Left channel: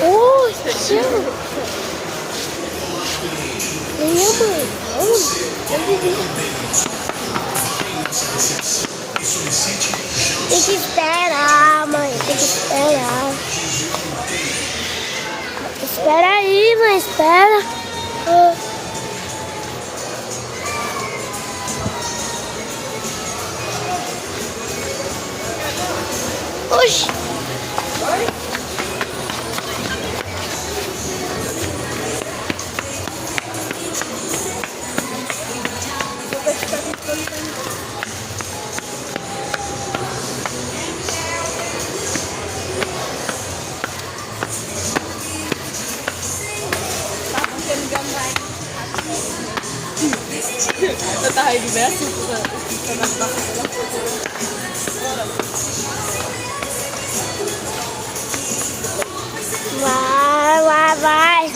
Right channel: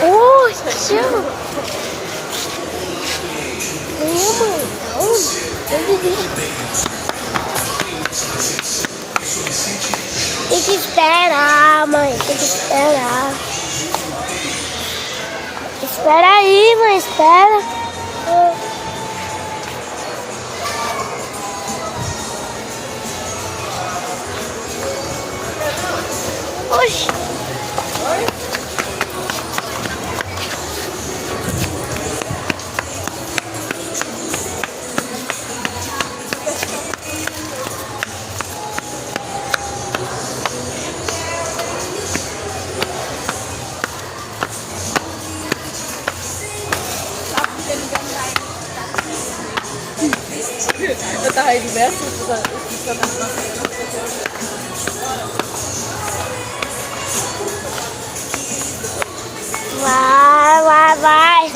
Ui, tio. Minha mãe, aonde? Tem que esperar, mãe. Tem que esperar. Espera aí, mãe. Espera. Oxi. Vai, vai, vai.